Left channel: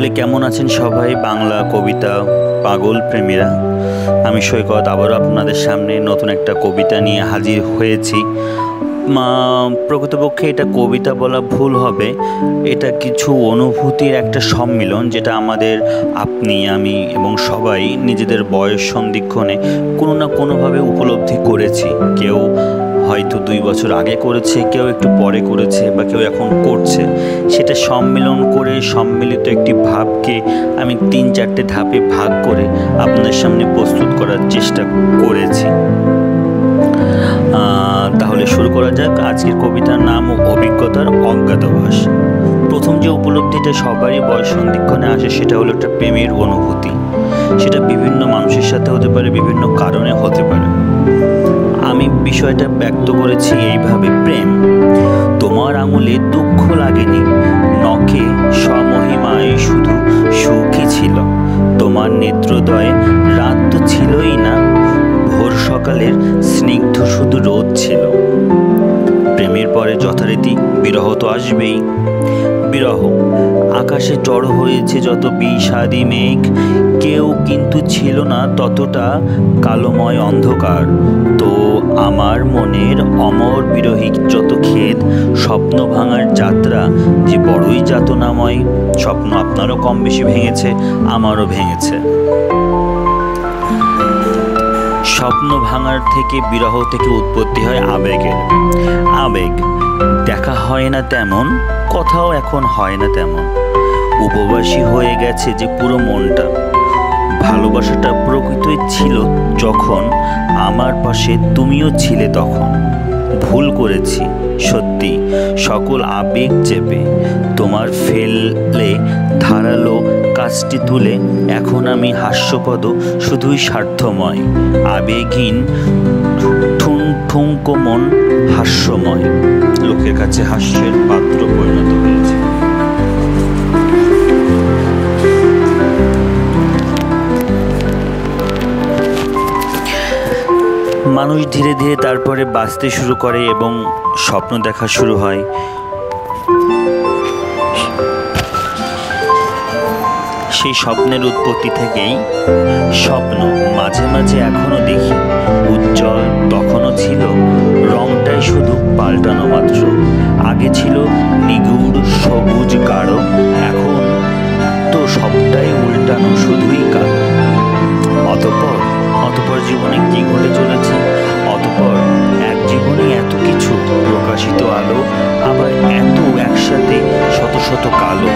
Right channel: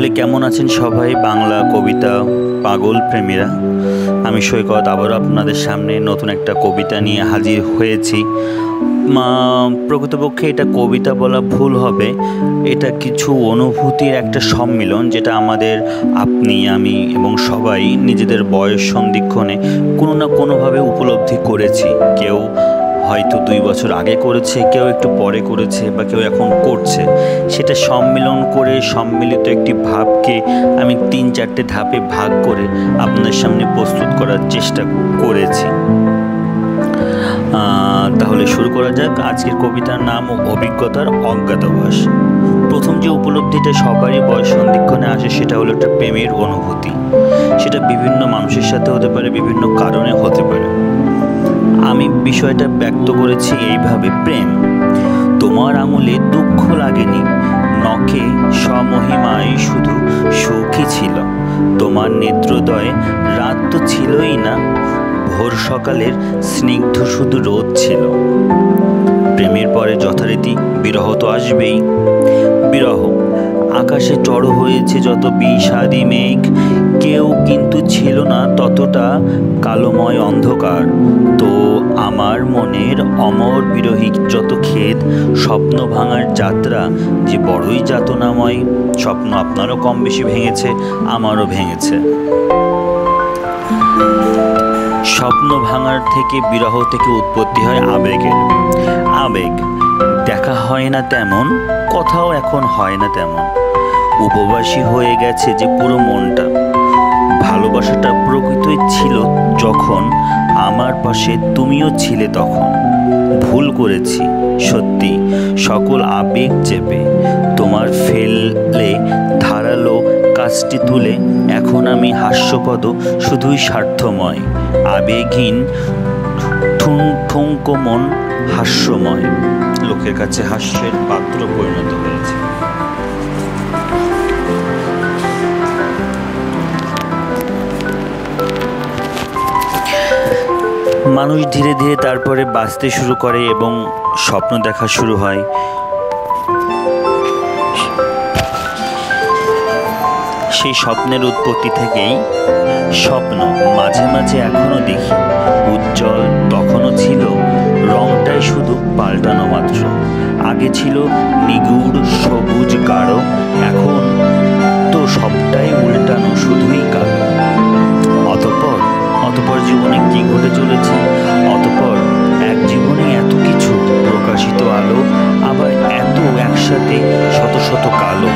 তাহলে কেমন আছেন সবাই বাংলা কবিতা পাগল প্রেমীরা? আমি সৈকত আবারও আপনাদের সামনে নতুন একটা কবিতা নিয়ে হাজির হয়েছি। প্রকৃতপক্ষে এটা কবিতা বলা ভুল হবে, এটা কিছু অনুভূতির একটা সম্মিলন, যেটা আমাদের আপনি আমি এবং সবাই নিজেদের বয়স সন্ধিক্ষণে কোনো না কোনোভাবে উপলব্ধি করেছি। কেউ হয়তো 2 বছর আগে করেছে, কেউ একটু পরে করেছে, বা কেউ এখন করছে। সেটা সম্মিলন করে সম্মিলিত একটি ভাবকে আমি 3-4টে ধাপে ভাগ করে আপনাদের সামনে প্রস্তুত করার চেষ্টা করেছি। তাহলে শুরু করা যাক। আজকের কবিতার নাম অভিজ্ঞতার অজ্ঞাতবাস। প্রথম যে উপলব্ধিটা সবারই বয়স সন্ধিক্ষণে আসে সেটা হলো একটা প্রেমের অনুভূতি। সেটা বিভিন্ন মানুষের সাথে হতে পারে, বিভিন্ন কারণে হতে পারে। আমি বিষয়টা ব্যক্ত করেছি এইভাবে: প্রেম, তোমার আঙুলে দুঃখ লাগেনি, নখে স্বমহিমায় শুধু সুখী ছিল। তোমার নেত্রোদয়ে রাত তো ছিলই না, ভোর সকালের স্নিগ্ধ শুধু রোদ ছিল। প্রেমের পরে যথারীতি বিরহ তো আসবেই। বিরহ, আকাশে জড়ো হয়েছে যত বিষাদী মেঘ, কেউ কিন্তু ছিল না ততটা কালোময় অন্ধকার। তো আমার মনের অমর বিরহী যত খেদ, স্বপ্ন ভাঙার যাত্রা যে বড়ই যাতনাময়। স্বপ্ন আপনারও কম বেশি ভেঙেছে, আমারও ভেঙেছে। স্বপ্ন ভাঙার থেকে, বিরহ থেকে উৎপত্তি হয় আবেগের। আবেগ দেখা হয় না তেমন, কথাও এখন হয় না তেমন। উপবাসী হয়ে গেছে যে পুরো মনটা। ভালোবাসাটা প্রকৃতই ছিল যখন আমার পাশে তুমিও ছিলে তখন। ভুল করেছি সত্যি সকল আবেগ চেপে, তোমার ফেলে ধারালো কাজটি তুলে এখন আমি হাস্যপদ, শুধুই স্বার্থময়, আবেগহীন ঠুনঠুঙ্কো মন হাস্যময়, লোকের কাছে হাস্যের পাত্র পরিণত হয়েছে। মানুষ ধীরে ধীরে তারপরে বাঁচতে শুরু করে এবং স্বপ্ন দেখা শুরু হয়। সেই স্বপ্নের উৎপত্তি থেকেই স্বপ্ন মাঝে মাঝে এখনো দেখি, উজ্জ্বল তখনও ছিল, রংটাই শুধু পাল্টানো মাত্র। আগে ছিল নিগুড় সবুজ গাঢ়, এখন তো সবটাই উল্টানো, শুধুই কালো। অতপর জীবনে কি ঘটে চলেছে? অতপর এক জীবনে এত কিছু, প্রকাশিত আলো, আবার এত একসাথে শত শত কালো।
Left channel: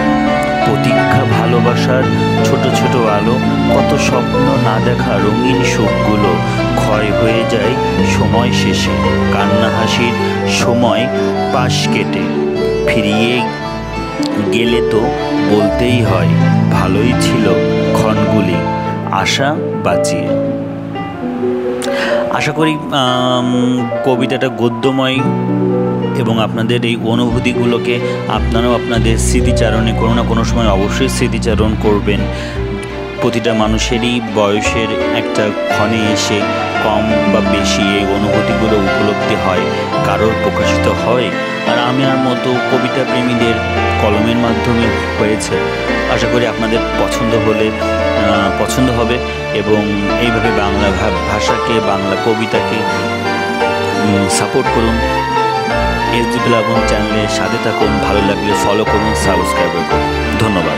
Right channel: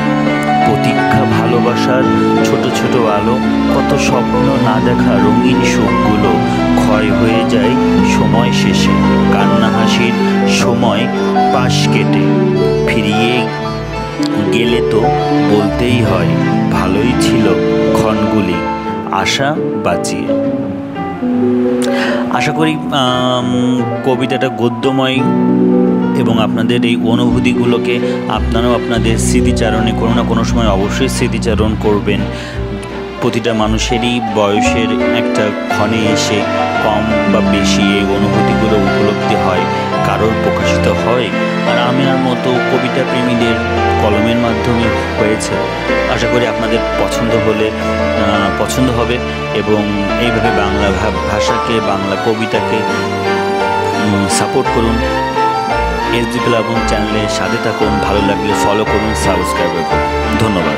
প্রতীক্ষা ভালোবাসার ছোট ছোট আলো, কত স্বপ্ন না দেখা রঙিন সুখগুলো ক্ষয় হয়ে যায় সময় শেষে। কান্না হাসির সময় পাশ কেটে ফিরিয়ে গেলে তো বলতেই হয় ভালোই ছিল ক্ষণগুলি আশা বাঁচিয়ে। আশা করি কবিতাটা গদ্যময় এবং আপনাদের এই অনুভূতিগুলোকে আপনারাও আপনাদের স্মৃতিচারণে কোনো না কোনো সময় অবশ্যই স্মৃতিচারণ করবেন। প্রতিটা মানুষেরই বয়সের একটা ক্ষণে এসে কম বা বেশি এই অনুভূতিগুলো উপলব্ধি হয়, কারোর প্রকাশিত হয়, আর আমার মতো কবিতা প্রেমীদের কলমের মাধ্যমে হয়েছে। আশা করি আপনাদের পছন্দ হবে এবং এইভাবে বাংলা ভাষাকে, বাংলা কবিতাকে সাপোর্ট করুন। এসডি প্লাবন চ্যানেলের সাথে থাকুন, ভালো লাগলে ফলো করুন, সাবস্ক্রাইব করুন। ধন্যবাদ।